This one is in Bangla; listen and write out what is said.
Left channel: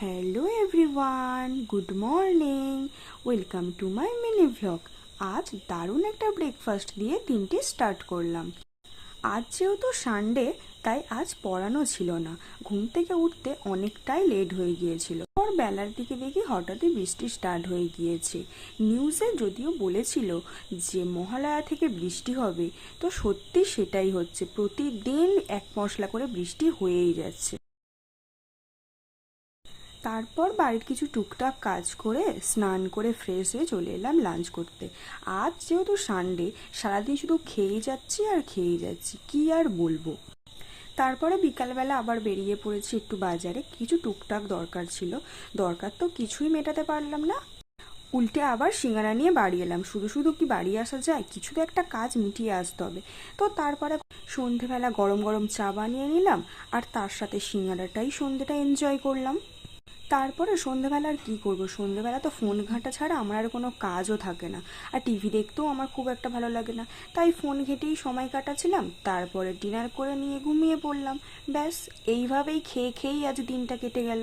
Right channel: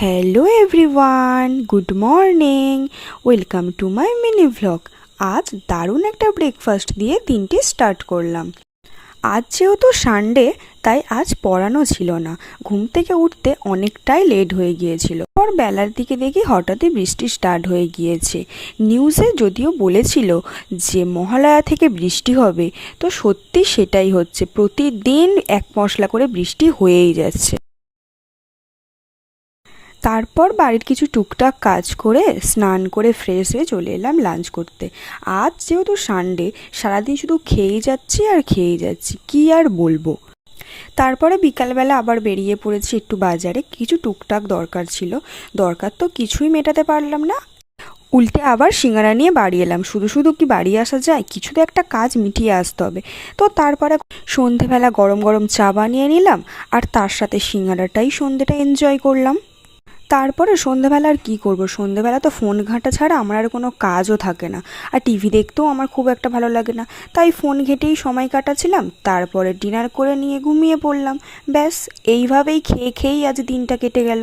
Hello everyone, good morning. Welcome to my mini vlog. আজ দারুণ একটা ব্রেকফাস্ট দিয়ে দিনটি স্টার্ট করলাম। আজ যেহেতু সানডে, তাই আজ পড়ানো ছিল না। ঘুম থেকে উঠতে অনেকটাই লেট হয়ে গিয়েছিল। পর বেলার দিকে দেখি হঠাৎই বৃষ্টি স্টার্ট হয়ে গিয়েছে। নিউজে যদিও বলেছিল যে মহালয়া থেকে বৃষ্টি হবে, তো সত্যি সেটাই হচ্ছে। প্রতিদিন এক মশলা করে বৃষ্টি হয়েই যাচ্ছে। তারপর বাড়ির কিছু টুকটাক কাজ করে স্নান করে ফ্রেশ হয়ে চলে এলাম লাঞ্চ করতে। আজ যেহেতু সানডে, সারাদিন শুধু খেয়েই যাচ্ছি আর খেয়েই যাচ্ছি, কি আর বলবো। তারপরে বিকালবেলা আবার বেরিয়ে পড়েছি একটু বাজারে, কিছু টুকটাক দরকার ছিল। দরকার তো কিছুই মেটাতে পারলাম না, উল্টে আবার সিঙ্গারা নিয়ে বাড়ি এলাম। শুধু শুধু কি বাড়ি আসা যায়, কিছু তো একটা কাজ মিটিয়ে আসতে হবে। তো তারপরে সন্ধেবেলা গরম গরম চা বানিয়ে নিলাম, আর তার সাথে সিঙ্গারাটাই সন্ধেটা এনজয় করলাম। তারপরে সন্ধেবেলা আর কী করবো, সন্ধেবেলা তো ফোন ঘাঁটা ছাড়া আমার আর কোনো কাজও থাকে না। আর টিভি দেখতেও আমার খুব একটা ভালো লাগে না, তাই ফোন ঘেঁটেই সময় কাটাচ্ছিলাম। তারপরে ডিনার করে নিয়ে ঘুমিয়ে পড়লাম। ব্যাস, এইভাবেই খেয়ে খেয়েই আজ দিনটা কেটে গেল।